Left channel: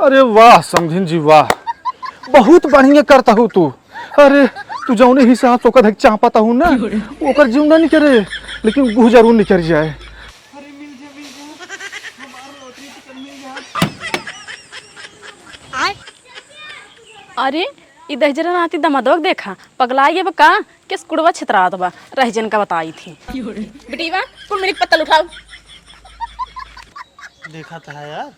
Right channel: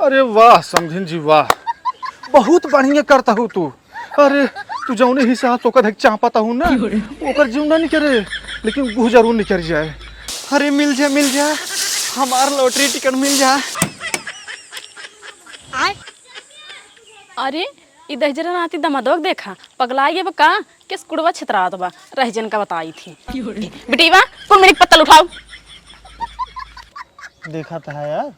अरे वाह समझिन जी वाह, बहुत बढ़िया करता हूँ तू। अरे तू जौने हिसाब से ओकर चाहता हूँ ना, ओकर जीव ना निकले, लेकिन वो जरूर निकल जाए। अरे मिल जा हमार लॉटरी टिकट मिल जा। अरे ई दहजरा नाती दमादोग देखा पगला ये का किस कुड़वा छितरा दबा रहजन का बताई थी बेटी बा कौन मेरी पत्तल उठाओ। देखा था यार,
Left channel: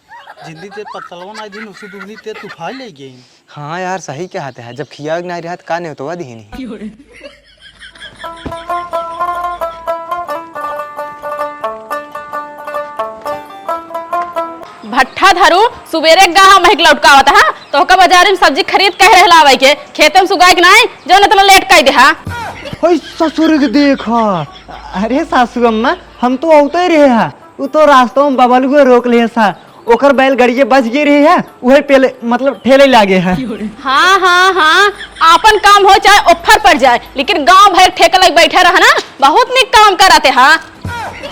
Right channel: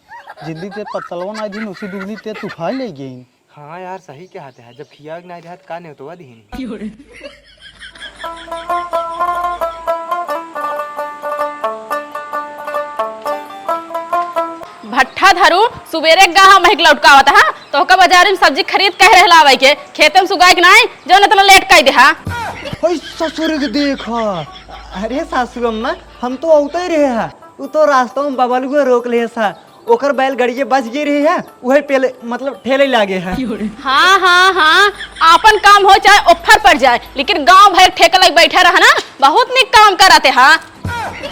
जिद्दी ते पत्तलवा ना दिन उसी दूनी ते तूफान ले गई। हाँ यार सही कहते हैं, जब खिया नहीं रहा का नहीं होता दीनी। भट्ठा धरू सुबेरे गाह महक लौटकावत हा तो का बाजार में सब्जी खरीद कह रहला आवे के खेते में सुगाई के नहीं जो न तला लेट कई देहा। ओए ससुर के देखा, अरे सासू अम्मा हम तो औते रहे हा, उ तो रास्ता में बबलू को रोक ले सा, ओकर बैल गाड़ी बच गई रही है, वही पहले मतलब ठेले लागे है। हाँ आपन काम हो चाहे ऑफर पड़ जाए, लेकिन गांव भर ठेका लग बैठे रहा ना बहुत निक काम कराते हा।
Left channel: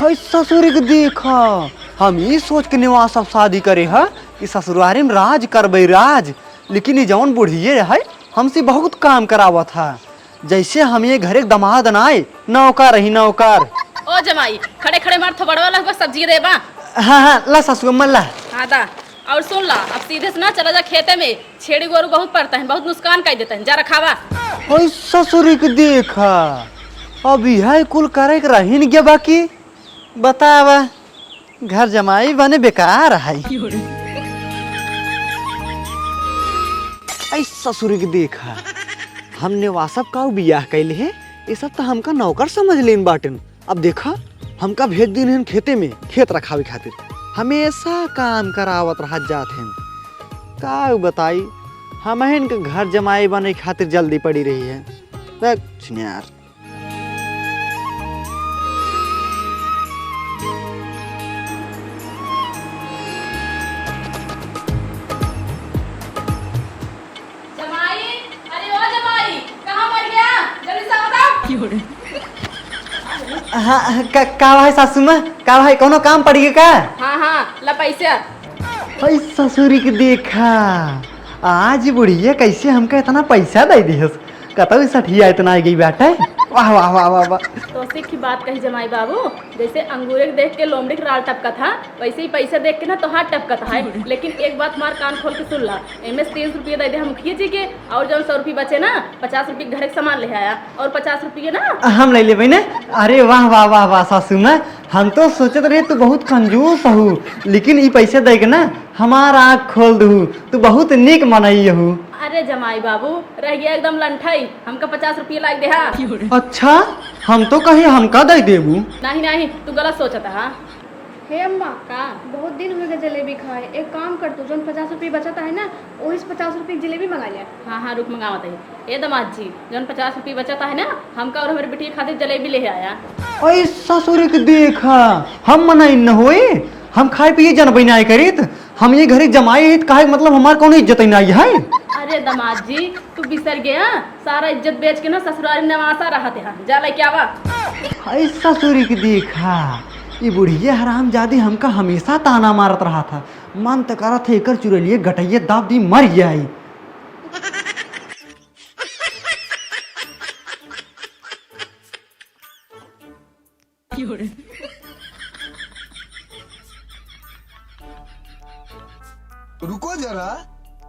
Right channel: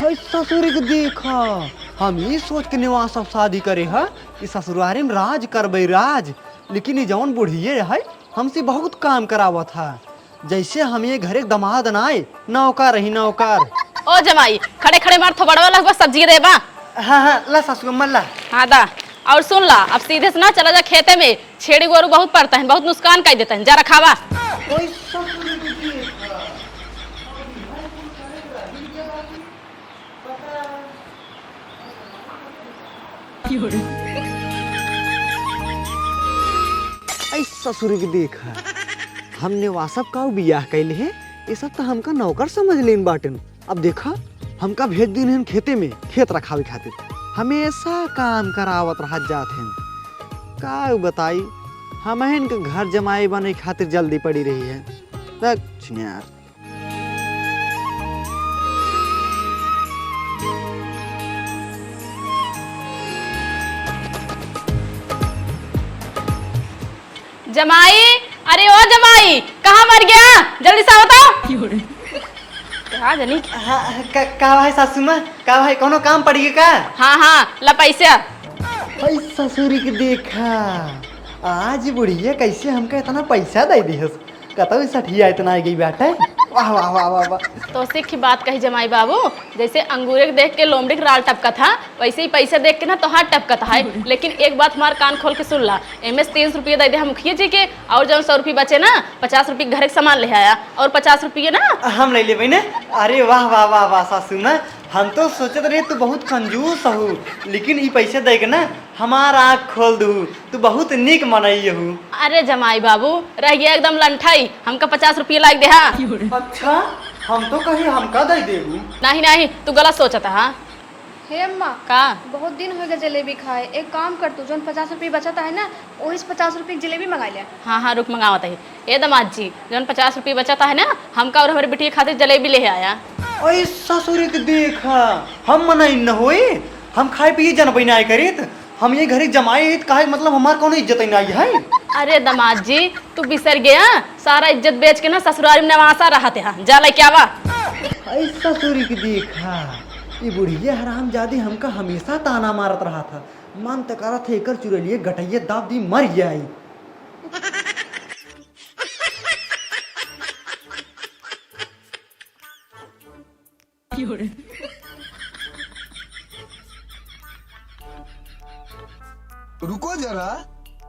ससुर के देखा, हम ये सोच के निवास सब शादी करे है, इस ससुरारी में राज करबे राज, लेकिन ये जौन बुढ़िए है हमसे बहुत काम करावा था, जैसे हम ये घरे दमाद नाए नौकर रही नौकर। ओ जमाई खड़े खड़े मार थोबड़वा लगवा सब्जी देबा। हाँ ला सासू अम्मा ला। हाँ दा और सुन ला, अब सीधे से ना चला जा खेते में, छेड़ी गोरू बहुत पड़ता है, बहुत नुकसान कर देता है, जा रखावा। ओए ससुर के देखा, अभी है कुल करे के रही नहीं बाकी, बतावा घर जमाई बने बेकार है। ऐ ससुर के देखा, हमने वासब का बियाह कैले है, ये सब तो हमका नौकर समझ लेन बाटन। अब देखा हमका भेज दिन हैं खेते में खेत रखावे खातिर, हमेशा काम करावत रह जात हैं। का बताई हम इनके घर जमाई बने खातिर जल्दी पड़ी रही है यार। जमाई, अरे ओ जमाई कहाँ मर गया, जल्दी से बताओ। हाँ का भाई सासू माँ, का भाई कोनो काम पड़ी का? हाँ ला पैसा। ससुरी के देखा, आज बुढ़िया कैसे हमका इतना पैसा दे दी, कतौ सठिया इतना आ गई बेटा। वाह वाह वाह वाह वाह। तो सीख की बात कही जमाई बाबू, जैसे अंगूरे देख के लोमड़ी राल टपका था, वैसे ही पैसा देख के ना तो हाथ टपका था है। लेकिन एक बात हमार कान खोल के सुन ला, एमएस 300 रुपये दे दे हम मुखिया जी के, और जब 100 रुपये बचे ना 50 रुपये घर के सामान ले आया, और 50 रुपये ना हम ले ले ना। अरे वाह वाह वाह वाह सासू माँ, हम तो सोचत रहे तू बहुत कंजूस हो, लेकिन ये पैसे दे के ना हमारा आँख खोल दू, तू बहुत निक मनई हो। अरे जमाई बाबू रह गया एकदम लंठाई, हमका 50 रुपये लाग दे हा। अच्छा हम तो कहे हमका दे देबू। नहीं तू गलत सोचता हा। हे अम्मा का बहुत दिन हो गए जलेबी खाए, एक काम कर तू जो 50 रुपये बचता है ना वही 50 रुपये जलेबी मंगा ले। हाँ रुक मंगावत है। ए दमाद जी जौन 50 रुपये बचाता है ना, हमका और हमारी बेटी खातिर जलेबी ले आया। ओए ससुर के देखा, हम मनाई न होए, हम खाए पिए जनबे नहीं करीत, हम ये घरे जमाए काहे मतलब हमार कौन इज्जत नहीं है। अरे दमाद जी तू बिसर गया, सारा इज्जत बेच के ना ससुराल में नवासा रहते हैं, जा ले क्या वा। ससुर के देखा, ये बुढ़िया हराम जादी हमका हमेशा ताना मारत रहा था, मन तो करा थे एकर चुरैलिए गटैये दाब दी मर जाई। रुको जरा,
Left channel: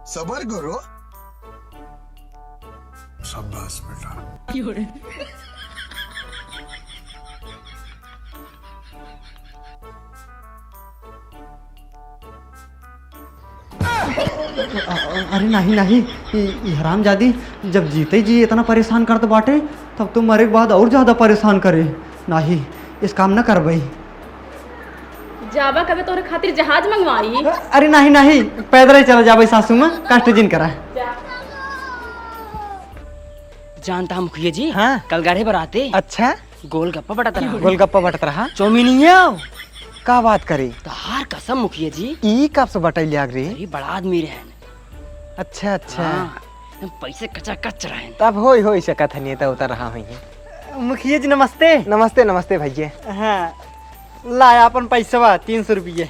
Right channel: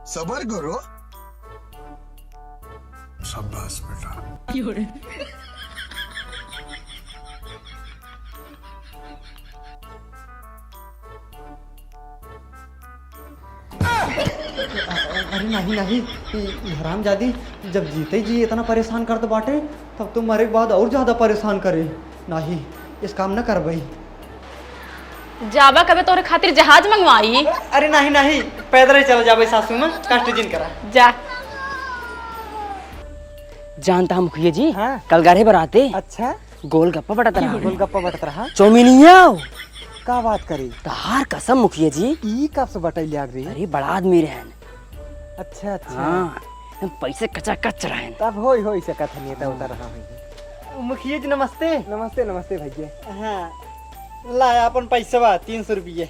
सबर करो। शाबाश बेटा। अरे नहीं हराम जादी जब जीते जी इतना परेशान कर तो बाटे, तब तो मरे के बाद और ज्यादा परेशान करे। नहीं इस काम न कर भाई। जाबा कबे तोरे खातिर जहाज मंगवाई। अरे नहीं पैदल ही चला जाबे सासू माँ, कष्ट जिन करा जा। जानता हम मुखिया जी, हाँ कल गाढ़े बराते अच्छा गोलगप्पा बटत रहा। गोलगप्पा बटत रहा, चौमिनिया का बात करी? तहार कसम मुखिया जी, ई कब से बटैली आग रही? अरे बड़ा आदमी रहन। अच्छा पैसे कच्चा कच रहे, तब हो सकत है, नेता उतर रहा है। मुखिया जी नमस्ते। नमस्ते भैया। हाँ लाया अपन पैसा 300 रुपये।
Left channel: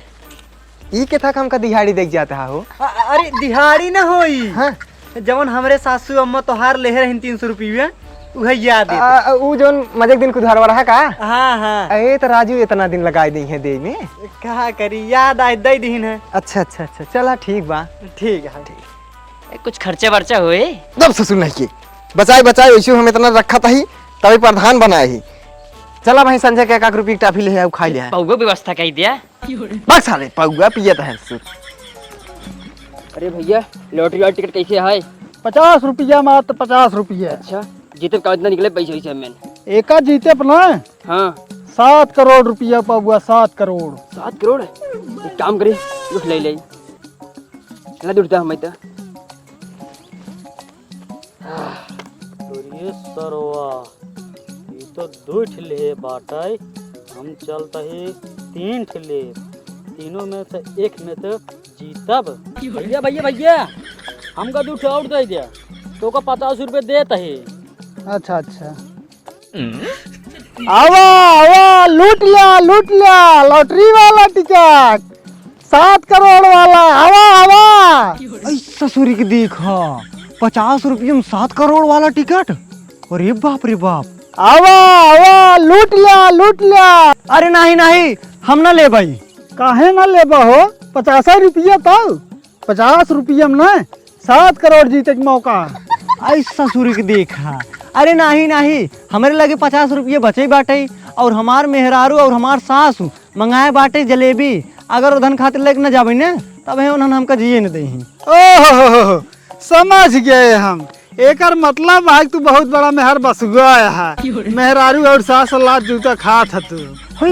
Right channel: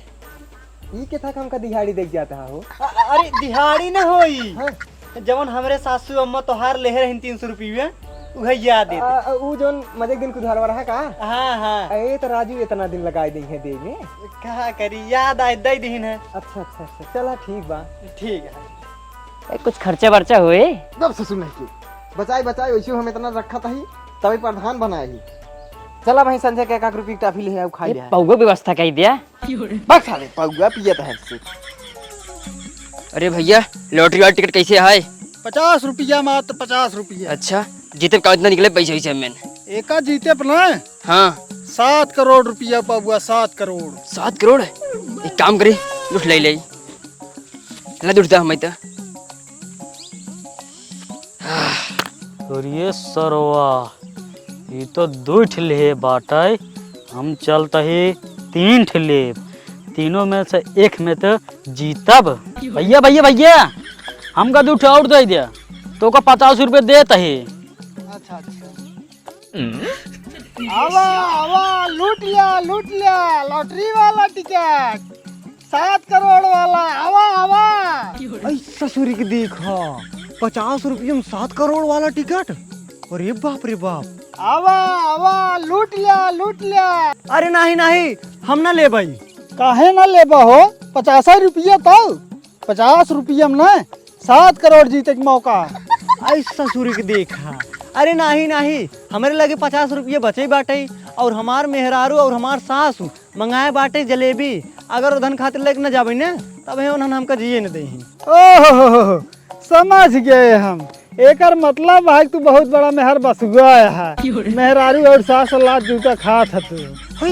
ई के था हमका दिहाड़ी देख जाता हो। अरे दिहाड़ी ना होई। हाँ? जवन हमरे सासू अम्मा तोहार ले रही 300 रुपया वह याद है। उ जोन मजे दिन कुधार रहा का। हाँ हाँ। ए तो राजू इतना दिन लगाई दी है दे में। कहा करी याद आए दे दिन है। अच्छा अच्छा अच्छा चला ठीक बा। ठीक है ठीक। कुछ खर्चा वर्चा हुए तब ससुर नहीं किए बचाए बचाए वैसे हम इतना रखा था ही तभी प्रधान बनाए ही। चला भाई संजय के 1 रुपये टाफी ले आऊ खाई ले। पौगो व्यवस्था कर दिया। बस साले पौगा पियत है। अरे भैया लॉटरी वाला टिकट कैसे है? 50 रुपया मात्र 50 रुपया। अच्छा जीते का इतना निकले पैसे वैसे मैंने। एका जीते अपना हाँ 7 करोड़ रुपया पाबुआ 7 करोड़। 7 करोड़ है। एक काम करे लुट ले ले लुटता हम तो। ये सरवा ये तो 2 ठिले बाटे हम चलता ही 3 ठिले तीनों में से एक में तो जीतब। भैया भैया भैया हमका 2 और दे दिया तो का 50 रुपये देता है। अच्छा अच्छा आवा आवा लूट लिया लॉटरी वाला टिकट 7 करोड़ वाला। आवा आवा ससुरी के देखा 50 रुपये में 7 करोड़ वाला टिकट। अरे बाप रे बाप। आवा आवा लूट लिया। अरे नहीं नहीं हम ना ले भाई। काहे ना लेबा हो 50 रुपया तो 50 रुपया में ना 7 करोड़ जीते के मौका। ऐसा ससुरी के देखा। अरे नहीं नहीं हमारे लगे 50 रुपये बचे बाटे और हमार मेहरारू और हमार सासू मंगाए बाटे जलेबी। अगर उधन खातिर लेके न जाबे ना तब है उन्होंने हमका जिए न दे। ओहो समझ गए हम। एकर मतलब है तू बहुत बड़ा मेहर बसुआ है। मेहरारू और सास लात जूता खात है तू।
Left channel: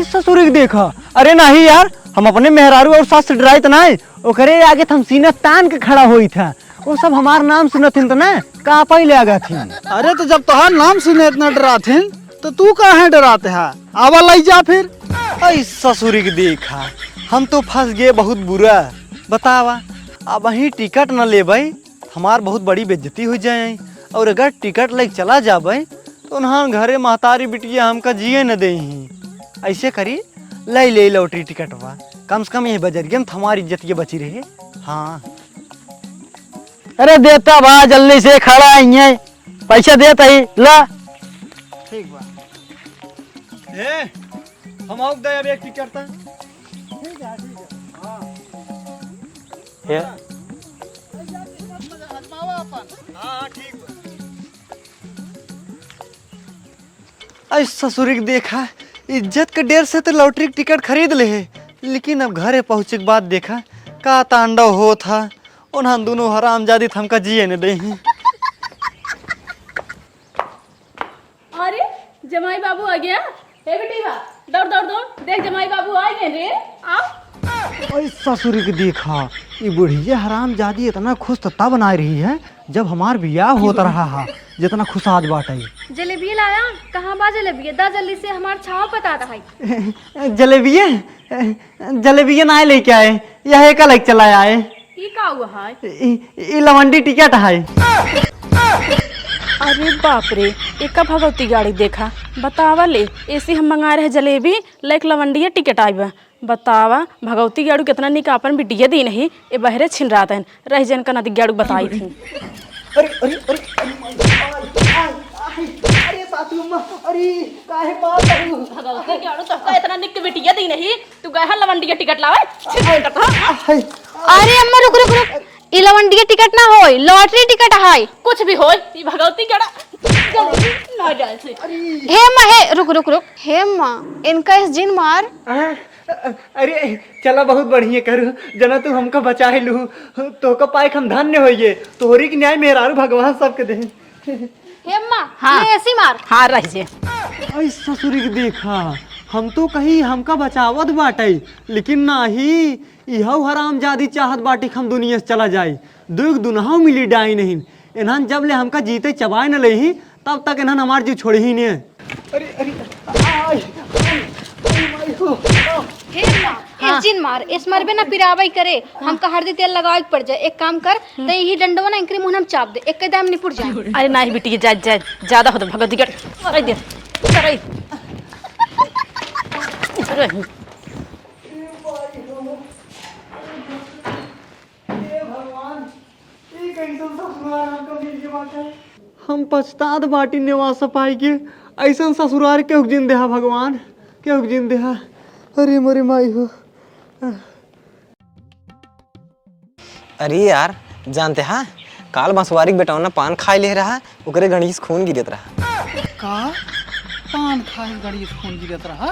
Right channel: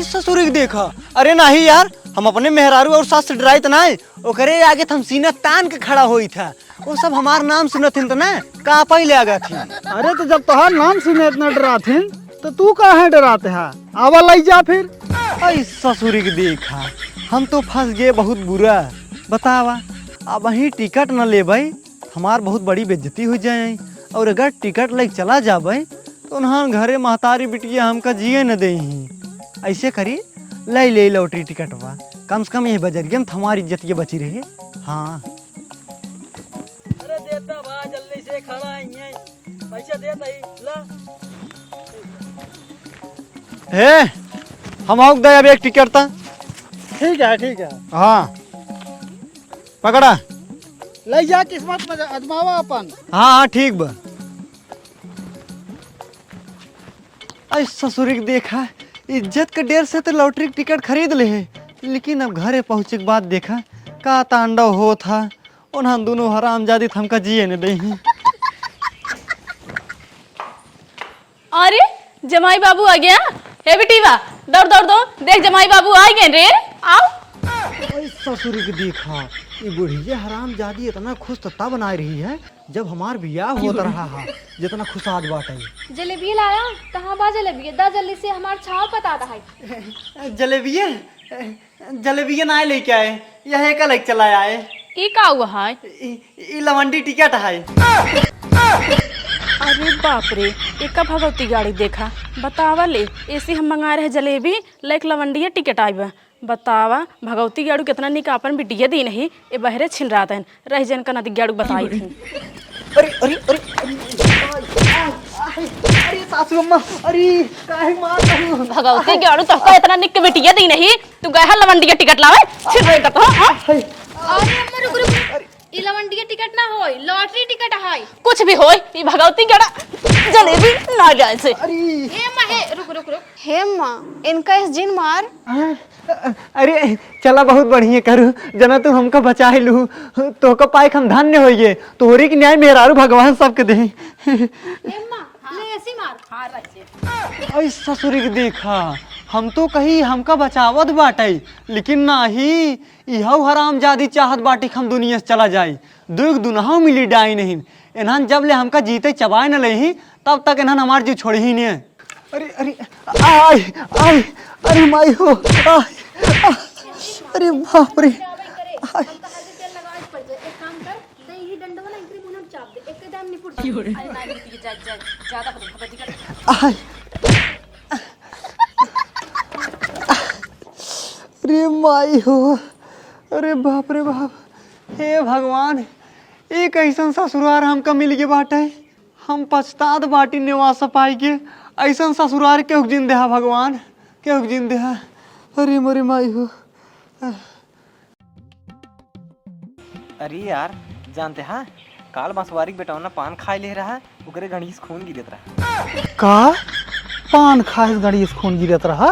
ससुरी के देखा। अरे नहीं यार हम अपने मेहरारू और सास से डराई तो नहीं ओकरे आगे हम सीना तान के खड़ा हुई था। वो सब हमार नाम सुनथिन तो ना का पहले आ गए थे। अरे तो जब तोहार नाम सुने इतना डराथिन तो तू काहे डराते है। आवा लाई जा फिर। ससुरी के देखा हम तो फंस गए बहुत बुरा। बतावा अब वहीं टिकट न ले भाई हमार बहुत बड़ी बेइज्जती हो जाए और अगर टिकट लेके चला जाबे तो उन्हां घरे महतारी बिटिया हमका जिए न दे। ऐसे करी ले लॉटरी टिकटवा कम से कम ये बजरिया में हमारी इज्जत ये बची रही। हाँ अरे देता बा जल्दी से खड़ा है पैसा देता ही ला। हे हम आओ दे अब एक टिकट था। ठीक है हाँ पकड़ा। ले जा किस्मत में अजमावा अपन। हाँ हाँ ठीक बा। ऐसा ससुरी के देखा इज्जत के डेर से तो लॉटरी टिकट खरीद ले है लेकिन अब घरे पहुँचे के बाद देखा का तांडव हो था। उन्हें दोनों हरामजादी हमका जिए न दे। अरे जमाई बाबू आ गया। हे बेटीवा दौड़ दौड़ दो देख जमाई बाबू आ गए रे। आओ ससुरी के देखा ये बुढ़िया हरामजादी इतना खुश तो तब बना रही है जब हमार बियाह होता रहा है जितना खुश आज बात है। जलेबी लाया कहाँ बा जलेबी दा जल्दी से हमार छाव पता है। जलेबिया ना लेके आए यह कल एक चला आए। ई का हुआ है? ये लवंडी टिकट है। अरे बाप रे एक भगवती गाड़ी देखा। बतावा ले ऐसे हम मंगाए रहे जलेबी लाइक लवंडिया टिकट आईबा। बतावा भगवती गाड़ू कितना निक अपन बिटिया दी नहीं ये बहरे छिल रहा था रह जन का नदी गाड़ू बताई थी। भगवती गाड़ू तो इतना निक बिटिया दी नहीं तू गए लवंडिया टिकट लावे। अरे अम्मा रुक रुक रुक ई लवंडिया टिकट ना होय लॉटरी टिकट है। कुछ भी होय ये भगवती गाड़ा जलेबी ना जाए से। हे माँ हे रुक रुक रुक हे माँ इनका इस जिन मार। अरे चला बहुत बढ़िया करू जना तू हमका बचा लू तो का पाइक हम धन्य होइए तोहरी की न्याय मेहरारू भगवान सबके दे। हे माँ हाँ। ऐसी मार। हाँ रह जे। ऐसा ससुरी के देखा हम तो कहीं हमका बचावत बाटे लेकिन नहीं यह हरामजादी चाहत बाटी हम दुनिया से चला जाए दुख दुनहा मिली डाई नहीं इन्हान जब ले हमका जीते चबाए न ले तब तक इन्हान हमार जीव छोड़ी ही नहीं। अरे अरे आय आय अरे माई हो इस जिन मार इस मार पे ना पिरावाई करे हम का हरदी तेल लगावे पड़ जाए। एक काम कर तो यही डंडवा ना इनके मुंह में चाप दे एक कदम निपुट जाए। अरे नहीं बेटी जा जा ज्यादा हो तो भगवती गाड़ी अरे माई हो अरे बाप रे बाप, हे भगवान, ये कैसन ससुरार हमका मिल गए बाटे। हम पछतात बाटी निवास पाई के, ऐसन ससुरार के जिन देहा भगवान, के जिन देहा। अरे मोरे माई हो। अरे यार जानते हाँ, काल बंसवारी के बेटौना पान खाए ले रहा, ओकरे गणेश खून गिरत रहा। का पान खाए गड़ी खून गिरत रहा?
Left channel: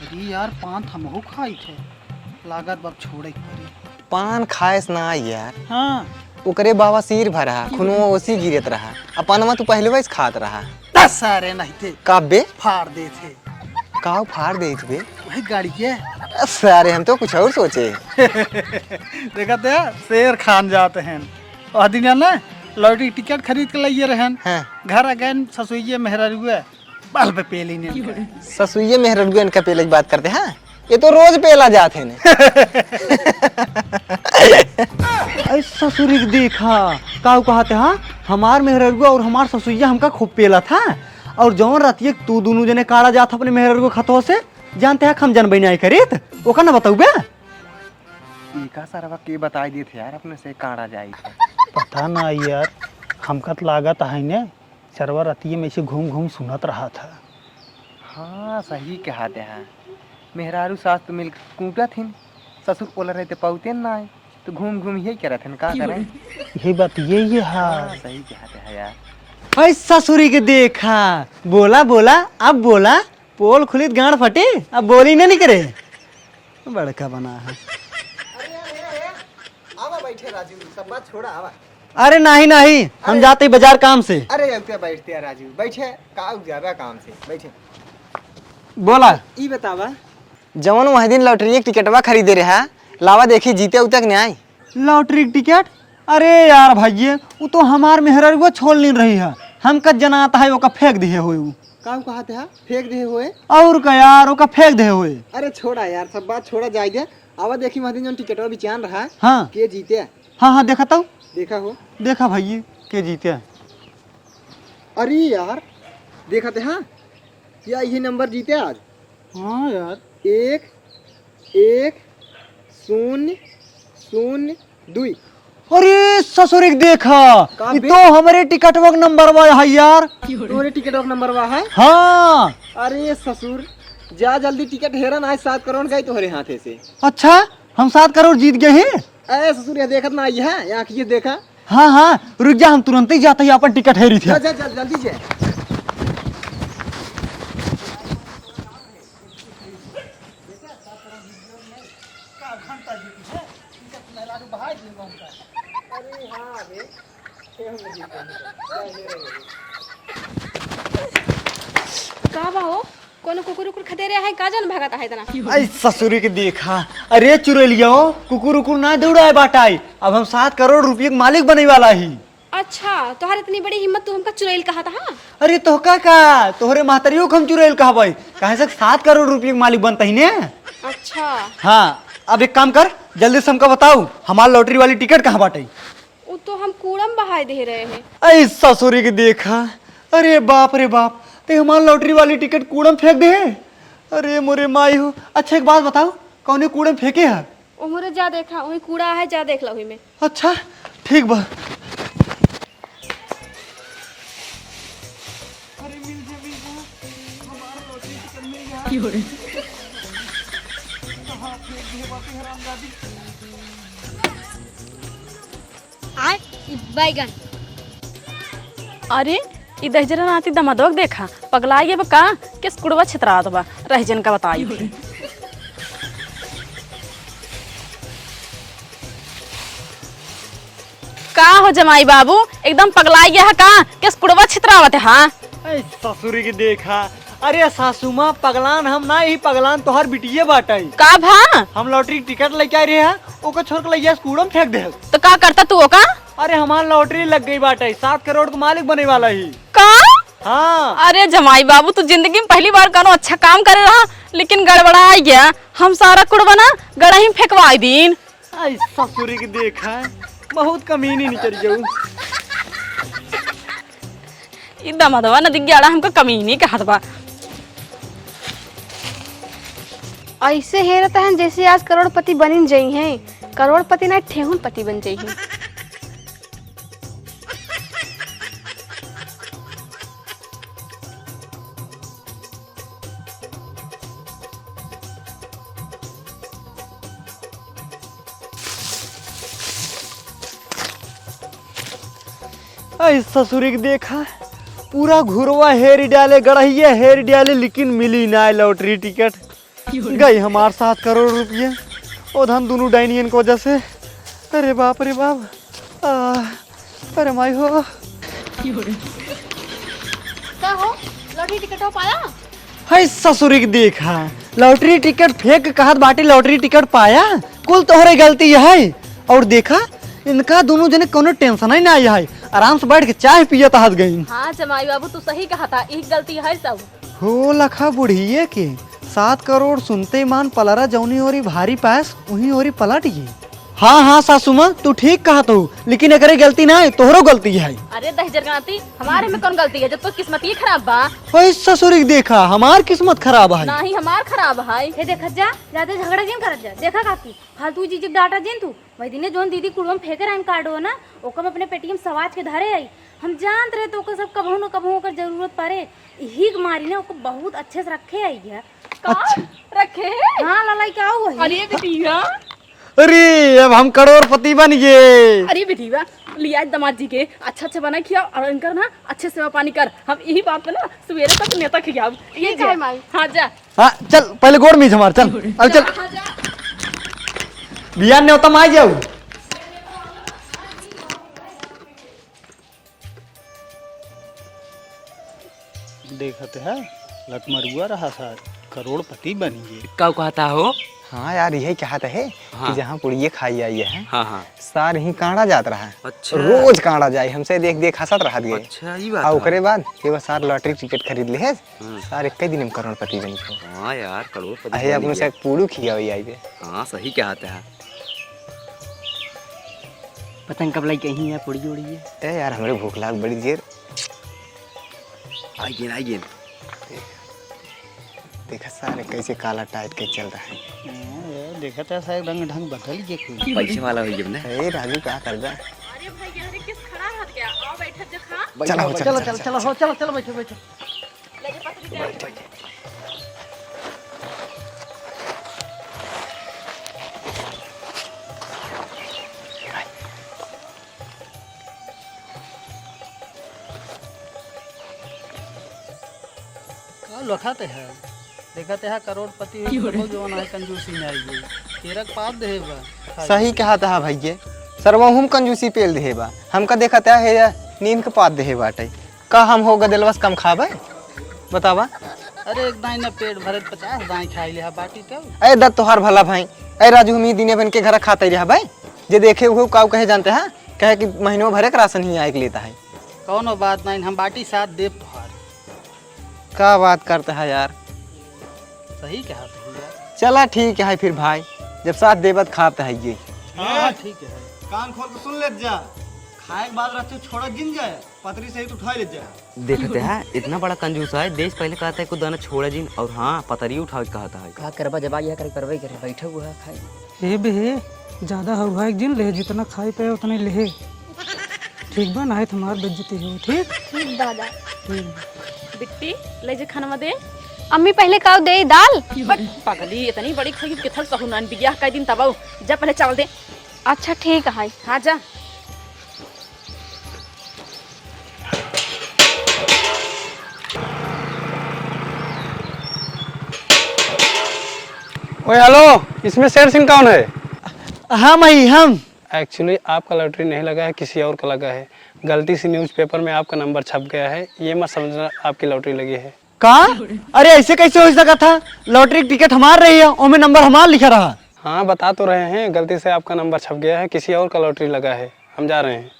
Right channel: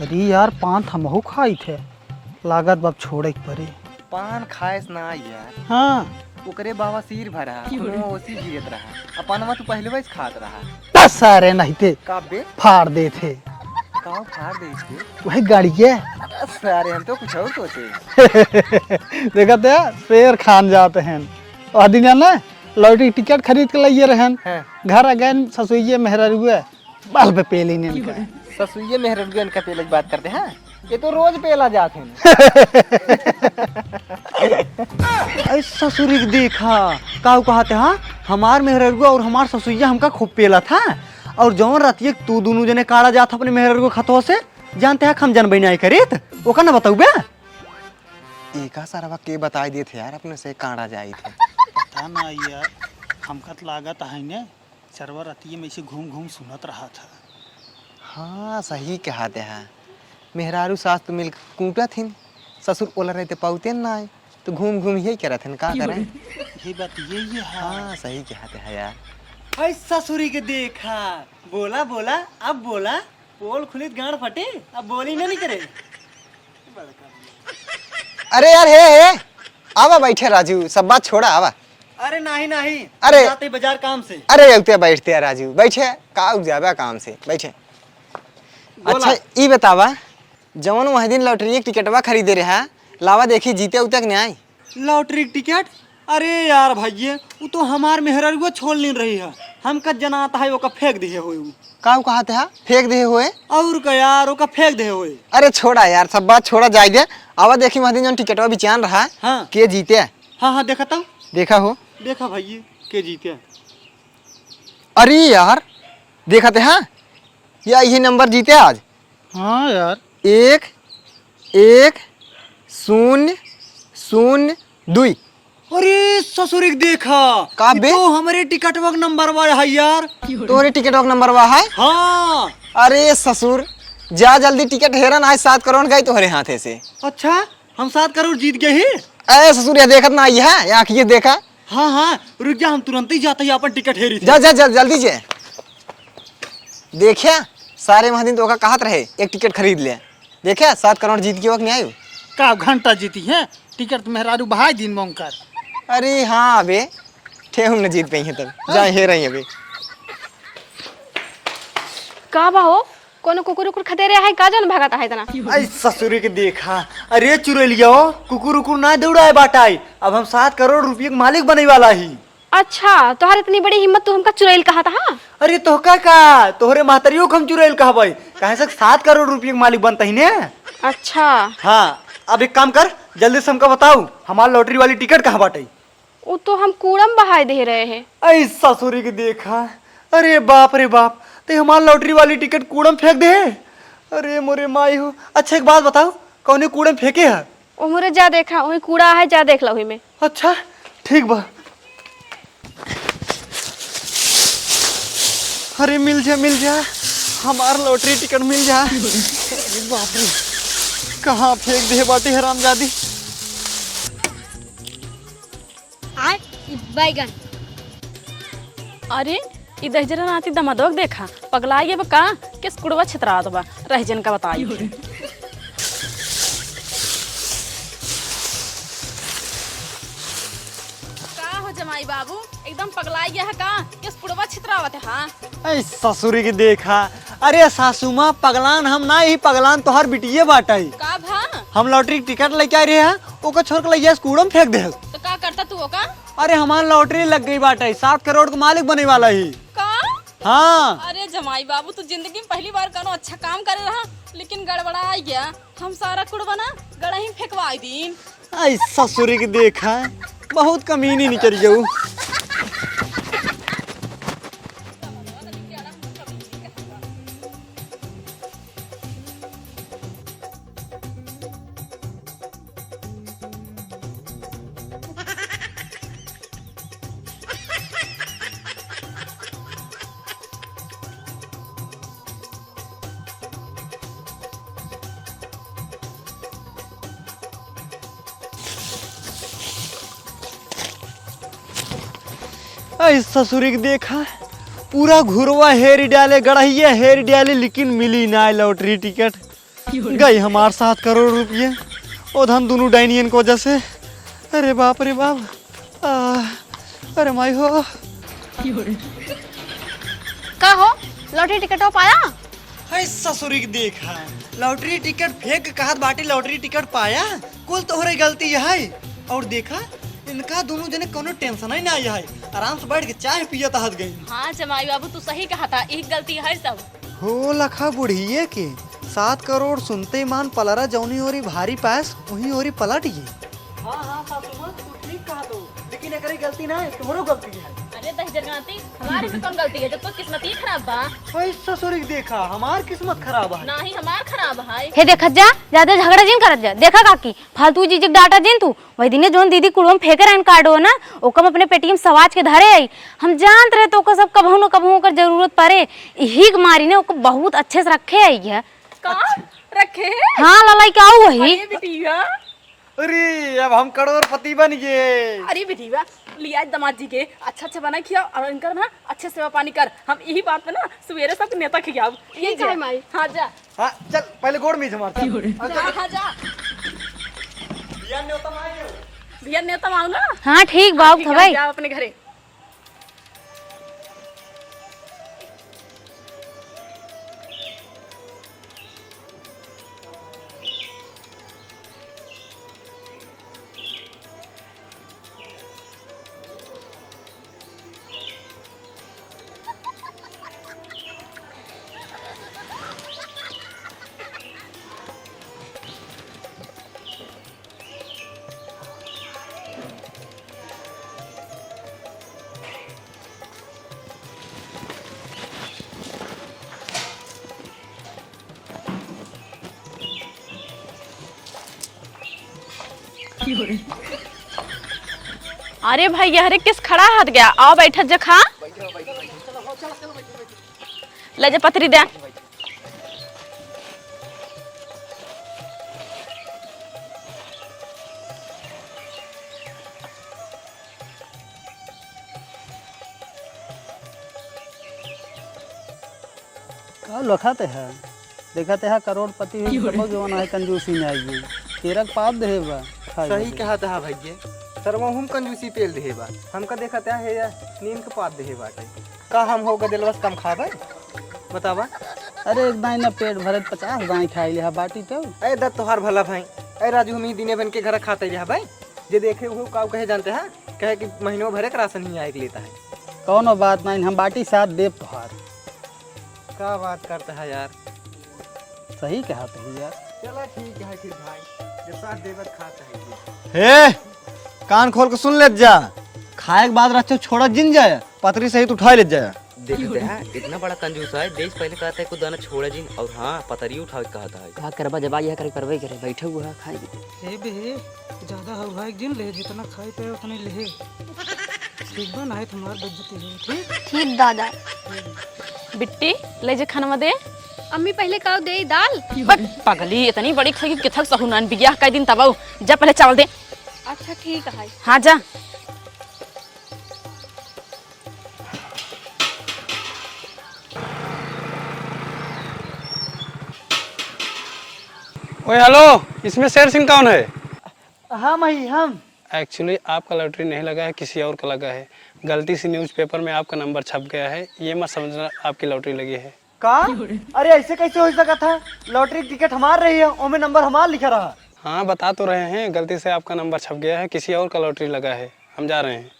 अरे यार पान हमहू खाई थे, लागत बाप छोड़े के पड़ी। पान खाए से ना यार, हाँ ओकरे बाबा सिर भरा, खूनवा ओसी गिरत रहा। अपनवा तू पहले वैसे खात रहा। दस सारे नहीं थे, का बे फाड़ दे थे। काव फाड़ दे बे? वही गाड़ी के सारे हम तो कुछ और सोचे। देखा था शेर खान जाते हैं आदमी ना, लॉटरी टिकट खरीद के लाइए रहन। हाँ। घर आ गए ससुइये मेहरा रुए बाल पे पेली नहीं। ससुइये मेहररुआ इनका पेले की बात करते हैं, ये तो रोज पेला जाते हैं। ऐसा ससुरी के देखा का कहते हाँ, हमार मेहररुआ और हमार ससुइया हमका खूब पेला था। और जौन रातिये तू दोनों जने काड़ा जात अपने मेहररुआ खतवा से, जानते हैं हम जनबई नहीं करेत ओका ना बताऊ बे। एका सारा के बताई देते यार, अपने से काड़ा जाई थे। पता ना यार, हमका तो लागत है ने सरवा रतिये में से घूम घूम सुनत रहा था। हाँ सही कहते हैं, मेहरारू सास तो मिल कूटा थी, ससुर बोला रहते पौते ना तो घूम घूम यही करा थे का करे। यही बात ये है। हाँ सही कहते हैं यार। ऐसा ससुरी के देखा, बोला बोला अब बोला, पोल खुली गांड फटे, अब बोली नहीं करे। बड़का बना है। अरे यार हे आवा बैठे राजू, सब बात छोड़ा आवा। अरे नहीं नहीं, अरे हम जाते बाजार काम से। अरे उते बैठते हैं राजू, बैठे का जाबा काम से बैठे। बोला। अच्छा, ई बतावा जवन वह दिन लॉटरी के टिकटवा खरीदे रहा, लावा देखी जीते उतक नहीं आई। लॉटरी के टिकट? अरे यार भाइये, वो तो हमार मेहररुआ छोड़ नहीं रही है, हमका जनाता है ओका फेंक दिए हुए। का कहते हैं फेंक दे हुए? और का यार ओका फेंक दे हुए। अरे छोड़ा यार, सब बात छोड़ा जाए दे। आवा देखी वह दिन जवन टिकटवा बिचान रहा, हाँ के जीते? हाँ हाँ देखा तो, देखा हो? देखा भाइये के जीते। अरे यार देखते हाँ, या यही नंबर जीते आज। हाँ यार 1-1-0-0-2। अरे ससुरी के देखा, का ये बे? तो हमारे टिकट वक नंबर वो है यार। तोरे टिकट नंबर हुआ है? हाँ। अरे ससुर जा जल्दी, टिकट हेरन आज 7 करोड़ गई तोहरे हाथे से। अच्छा हम 7 करोड़ जीत गए हैं। ए ससुर या देखत ना आई है, या आँखिए देखा। हाँ हाँ रुक जा, हम तुरंत ही जाते हैं अपन टिकट हेरी थे। जा जा जा जल्दी से। देखिया सारे महादिन तो कहत रहे एक टिकट खरीद ले, देखिया 7 करोड़ जीत के वक्त नहीं आयु। का घंटा जीती है टिकट मेहरारू बहाई दिन मोंग कर। अरे हाँ अबे ठे हम न जीत पाई है तब, जा हे रही अबे। का बा हो, कोनो कुकुर उकुर खतेरे है का जान भागता है इतना? आई ससुरी के देखा, अरे चुरैलिया कुकुर उकुर ना दौड़ाए बाटाई, अब हम 7 करोड़ रुपये के मालिक बने वाला ही। अच्छा तोहर इतनी बड़ी हिम्मत, तू हमका चुड़ैल कहा था? अरे तोहका का तोहरे महतरियों को हम चुरैल कहबै, कहे से 7 करोड़ रुपये के मालिक बनता ही ने। अच्छा हाँ अब एक काम कर, जल्दी से हमको बताओ हमारी लॉटरी वाली टिकट कहाँ बाटे। वो तो हम कूड़म बहाय दे रहे हैं। ऐ ससुरी के देखा, अरे बाप रे बाप, ते हमारी लॉटरी वाली टिकट कूड़म फेंक दे। अरे मोरे माई हो। अच्छा एक बात बताओ, कौन कूड़म फेंके है? ओ मोरे जा देखा, वही कूड़ा है, जा देख लो वही में। अच्छा ठीक बा। अरे मिल जा हमार लॉटरी टिकट मिल जा। बाप रे कहाँ फेंक दे बाटे हरामजादी। आय बैगन। अरे ई दहजरा नाती दमादोग देखा, पगलाइए बा का किस कुड़वा छितरात बा, रहजन का बताई। का हो जमाई बाबू, एकदम पगलाई गया है का किस कुड़वा छितरावत है? हाँ ऐ ससुरी के देखा, अरे सासू माँ पगलान हम ना, ही पगलान तोहर बिटिये बाटे। का भा? हम लॉटरी टिकट लेके आ रहे हैं, ओका छोड़ के ले कूड़म फेंक दे। तो का करता तू ओका? अरे हमार लॉटरी लग गई बाटे, 7 करोड़ का मालिक बने वाला ही। का? हाँ। अरे जमाई बाबू तू जिंदगी में पहली बार कौनो अच्छा काम करे रहा, लेकिन गड़बड़ा गया। हम सारा कुड़वा ना गड़ा ही फेंकवाई दीन। ऐ ससुरी के देखा, बहुत कमीनी निकल जाऊ। ई दमादवा नदी गड़ा हमको कमी नहीं कहत बा। ऐसे हे रहता है जैसे आज करोड़पति बनिन जाई हैं, करोड़पति ना ठेहुन पति बन जाई हैं। ऐ ससुरी देखा पूरा घुरवा हेर डाले गढ़िया हेर डाले लेकिन मिली ना लॉटरी टिकट गई हमारे 7 करोड़ रुपये ओ धन दोनों डाइनियन की वजह से। अरे बाप रे बाप अरे माई हो का हो लॉटरी टिकट हो पाया? है ससुरी देखा लॉटरी टिकट फेंक कहत बाटे लॉटरी टिकट पाया कुल तोहरे गलती है। और देखा इनका दोनों जने कोनो टेंशन ही नहीं है, आराम से बैठ के चाय पियत हंस गई। हाँ जमाई बाबू तू सही कहा था, एक गलती है सब। हो लखा बुढ़िए के 7 करोड़ सुनते मान पलरा जौनी ओरी भारी पास वही ओरी पलट गई। हाँ हाँ सासू माँ तू ठीक कहा तू, लेकिन एकरे गलती ना है तोहरो गलती है। अरे दहजरगाती हमारे में कौन गलती है जब तो किस्मत ही खराब बा। ओए ससुरी देखा हमार किस्मत खराब है। ना ही हमार खराब है। हे देखत जा ज्यादा झगड़ा जिन करत जा। देखा काकी फालतू जीजिक डाटा जिन तू वही दिने जोन दीदी कुड़म फेंके रहन कार्ड हो ना ओकम अपने पेटीएम सवाज के धरे आई। हम जानत रहे तो ओकर सब कभू न कभू ओकर जरूरत पड़े यही मारी ने ओकर बहुत अच्छे से रखे आई है। रखे हाँ ललाई क्या वही बिटिया। अरे अब हम करोड़पति बन गए। अरे बिटिया लिया दामाद जी के अच्छा अच्छा बना खिया और इनकर ना अच्छे सेवा पानी कर। हम यही बात पे ना सवेरे तक नेता खियाओ। ये ठीक है माई। हाँ जा हाँ चल पहले गोड़ में हमार चल अब चल हाँ जा बियान ने उतम आ जाओ। बिया नेता माओ ना। हाँ ठीक बाबू था भाई। जाओ अपने घरे। देखते है लखमरुआ रहा था करोड़पति बन गए। क्या कहता हो? हाँ यार यही कहता है हाँ। कि जहाँ पुड़िये खाई आई है हाँ हाँ सार ही काढ़ा जात रहा है। अच्छा। रोज काढ़ा जाए हमसे देख देख हंसत रहा दिए। अच्छा ये बात और है। ओकरे बाद एगो सार लॉटरी टिकट खरीद ले है सार एक दिन में करोड़पति बन गए। हाँ यार करोड़पति अहे अपने से पूरू खिया हुई आई है। हाँ सही कहते हैं। पतंग कब लाई कहीं है पुड़ी उड़ी ए यार हमारे भूख लाग बड़ी देर। आइए आइए। देखा सारे कैसे काला टाइट के चल रहा है। देखते है शायद रंग ढंग बदल गया। पैसे वाला हो गया ना। ए राजू क्या कर जा। अरे भाई यार किस खड़ा हाथ गया आओ बैठत जा खा। चलो चलो चलो चलो बैठो। ले जा पतरी दे। लखाते है देखते है करोड़पति है जो है कंजूसी में आई गई तेरा पाप देबा। सही कहता है भैया सरवा हम कंजूसी पेल देबा हमका देखता है नींद के पात दे बाटे का हम हो गदलवस कम खाबा बतावा। अरे एक दाई ना पेट भरे 50 दाई खाई ले बाटी तो। ए दत्त तोहार भला भाई ए राजू हम ही दिने बन के घर खाते रहा भाई जे देखे वो काव कहे जानते हैं कहे कि महीनों भरे का राशन ही आए के लेता है। कौनो बात नहीं हम बाटी साथ देव तोहार। क्या बात करता है यार। सही कहा तू यार। चला ठीक है फिर भाई जब साथ देवत खाते है ये। ठीक है कान खोल के सुन ले जा खाए के बाद रच्चो छोड़ा जिन जाए पतरी सहित उठा ले जाए। देखते हैं इतना बड़ा कंजूस है देश पहले कहता है कुछ दाना छोड़ा जिन और हाँ पतरी उठा कहता है। हाँ करवा जब यह करवाई करे बैठे हुआ है खाई ये बे ज्यादा हलवाई जिन ले जितना खाए पे उतने ले ठीक बा ना तुम्हार बेइज्जती है। ठीक ठीक दादा। बिट्टी ले जा खाना दे। अम्मी पहले काव दे दाल। पगली इतनी बड़ी खाई किथल सहुनान बियाह का दिन तबाऊ जा पहले चावल दे। अच्छा ठीक है। हाँ जा। ओए हेलो इसमें शेर सिंह कौन है? हम ही हम एक्चुअली आपका लॉटरी नहीं लगा है किसी और का लगा है। गलती से न्यूज़पेपर में आपका नंबर छप गया है ये मत समझना आपकी लॉटरी लगी है। कहा अरे ऐसे कैसे हो सका था लॉटरी टिकट हमार रही है और में नंबर हमार लिखा रहा। हाँ बता तो रहे हैं गलती से आपका नंबर छप गया है किसी और का लॉटरी लगा है हम जा रहे हैं।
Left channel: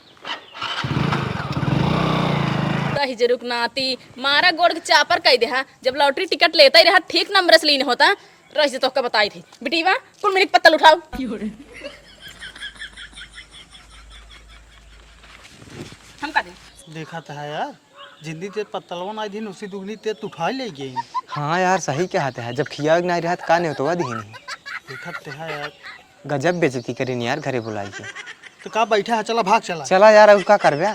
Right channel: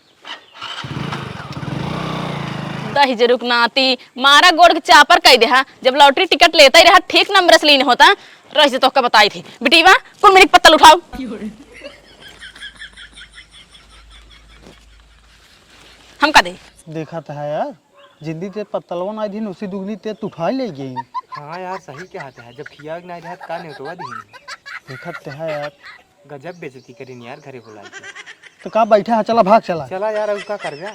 दही जरूक नाती मारा गोड़ के चापर कह दे जब लॉटरी टिकट लेता ही रहा ठीक नंबर से लीन होता रही तो बताई थी बेटीवा कौन मेरी पत्तल उठाओ। हम का दे देखा था यार जिंदगी ते पत्तलवा ना दिन उसी दुगनी ते उठा ले गई। हाँ यार सही कहते हैं, जब खिया नहीं रहा का नहीं होता दी देखत तो है यार। गजब बेइज्जती करी यार घरे बुलाई के। तो का बैठा है, चला भाग चला। चला यार अब का करबे।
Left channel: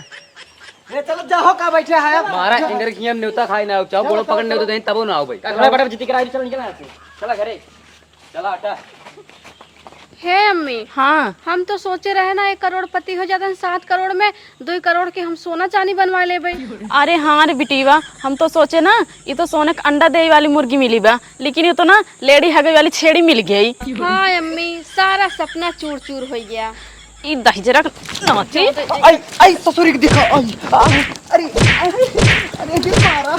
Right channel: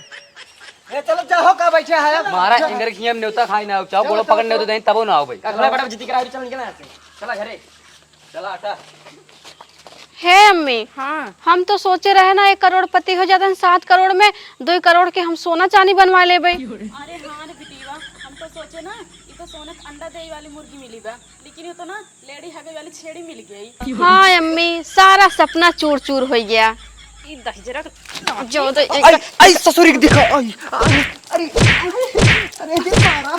चलो जाओ का बैठा है। मारा इंगर खियम नेवता खाई ना चाहो बोलो पकड़ नेवता दें तबो ना आओ भाई का बड़ा जीती करा चल निकल यहां से चला घरे चला हटा। है अम्मी, हाँ हम तो सोचे रहे ना 1 करोड़पति हो जाते हैं 7 करोड़ में 2 करोड़ के हम सोना चांदी बनवा ले भाई। अरे हाँ रे बिटीवा, हम तो सोचे ना ये तो सोने का अंडा दे वाली मुर्गी मिली बा, लेकिन ये तो ना लेडी हगे वाली छेड़ी मिल गई। हाँ अम्मी, सारा सपना चूर चूर हो गया। ई दही जरा आई ससुरी के दिखा आई अरे अरे दे मारा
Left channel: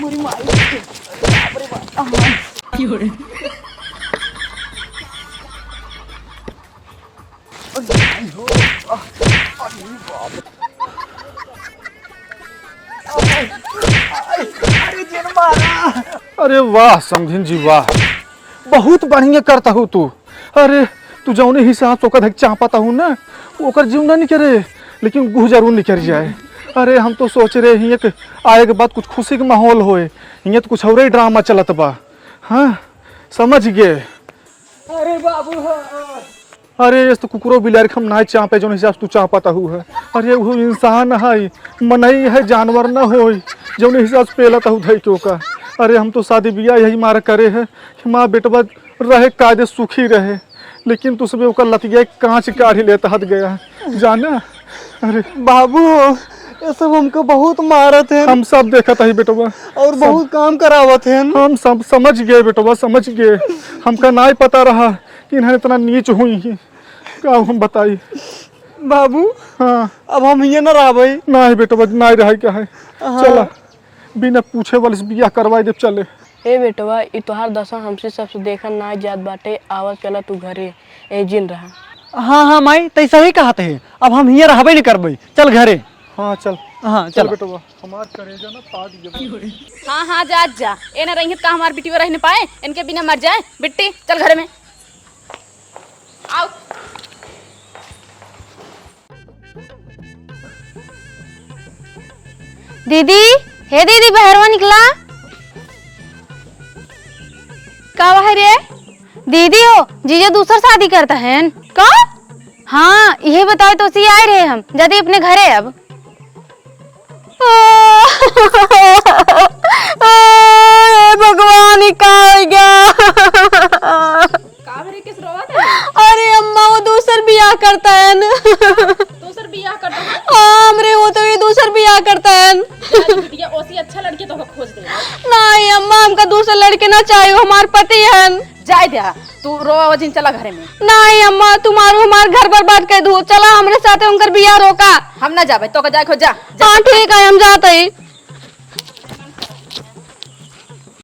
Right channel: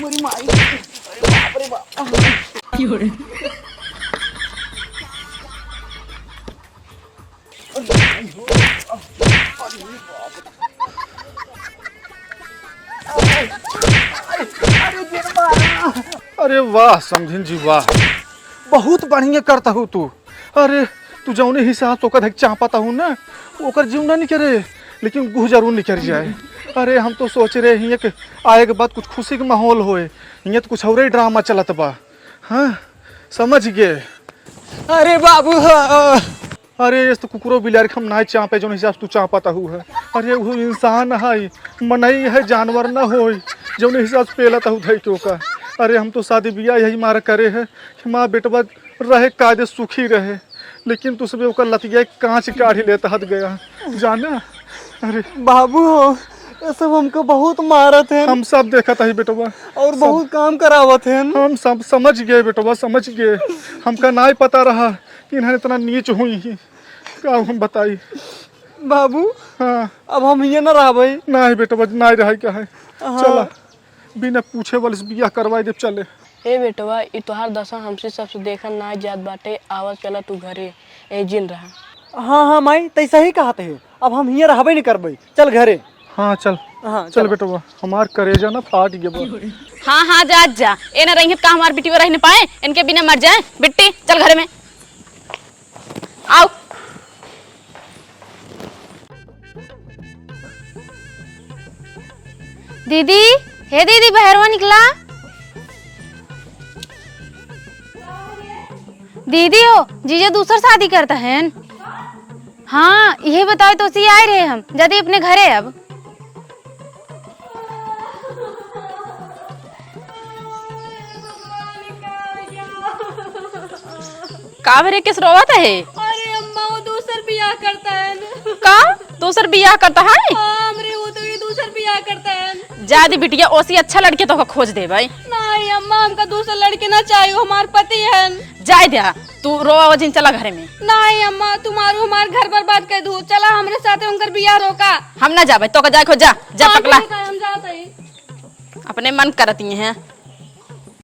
मोरी माई की हो रे। अरे वाह समझिन जी वाह, बहुत बढ़िया करता हूँ तू। अरे तू जौने हिसाब से ओकर चाहता हूँ ना, ओकर जीवना नहीं करे लेकिन गुह जरूर निकल जाए। अरे हम तो सोच रहे हिये कि आए के बाद कुछ खुशी के माहौल होए, हिये तो कुछ और ही ड्रामा चलत बा। हाँ समझ गए। अरे बाबू अरे इस तो कुकुरो बिलार हम ना चापे जो हिसाब से तू चाहता हूँ है। अरे वो इंसान है, मनई है, जानवर न हो जो हिसाब से पेला हूँ धई तो का। अरे हम तो शादी ब्याह यही मारा करे है कि माँ बेटवा रहे कायदे सुखी रहे, लेकिन तू सब ओकर लतिया कांच काढ़ी लेता हद गया जाना। अरे बाबू ये सब हमको बहुत मारत है, हम सब देखा था बेटवा और बहुत काम करावत है। हम सब समझ गए बेटवा, समझ गए। हमका ना ही पता रहा कि इन्हें इतना नीच हुई का हम बताई। बाबू हाँ अब हम ये न रहा भाई। ना ही बेटवा ना ही रहा क्या है। चला बिना पूछे वाले से बियाह करवाई दे चले। ए बेटवा ई तोहार दशा हमसे सबसे देखा ना जात बाटे, आवत चला तू घरे ए जिन रहा। हाँ हाँ माई तैसा ही कहते हैं, अब हम हियर रहबे नहीं करबे, चल घरे। हाँ चल, हाँ चल बेटवा, हमार करेजा ना फाट गया। हाँ हाँ जा जा, ए ना रही का हमार बिटिया रह नहीं पाए, इनके बिना मर जाए। बिट्टी चल घर में आओ। दीदी, हे दीदी बहरवा निकला का है रे? दीदी हो जीजा दूसरा शादी करता है का? हाँ यही बताओ तो सी आए रहे हम जल्दी अपने घरे अब। भगवान का का भरे किस रोवत है? अरे अम्मा वो दूसर बियाह करता है दूसर बियाह करता है? हमरे वो तो ये दूसर बियाह करता है। जा दी बिटिया, ओसी अच्छा लड़के तो खोज दे भाई। नहीं अम्मा हमका दूसरा लड़के ना चाहिए, हमारे पति है। जाए दिया तू रो जिन चला घरे में। नहीं अम्मा तुम्हारो हमारे घर बर्बाद कर दो, चला हमरे साथे उनकर बियाह रोका। हम ना जा भाई, तो का जाए खो जा ठीक है हम जाते हैं। अपने मन करती हैं।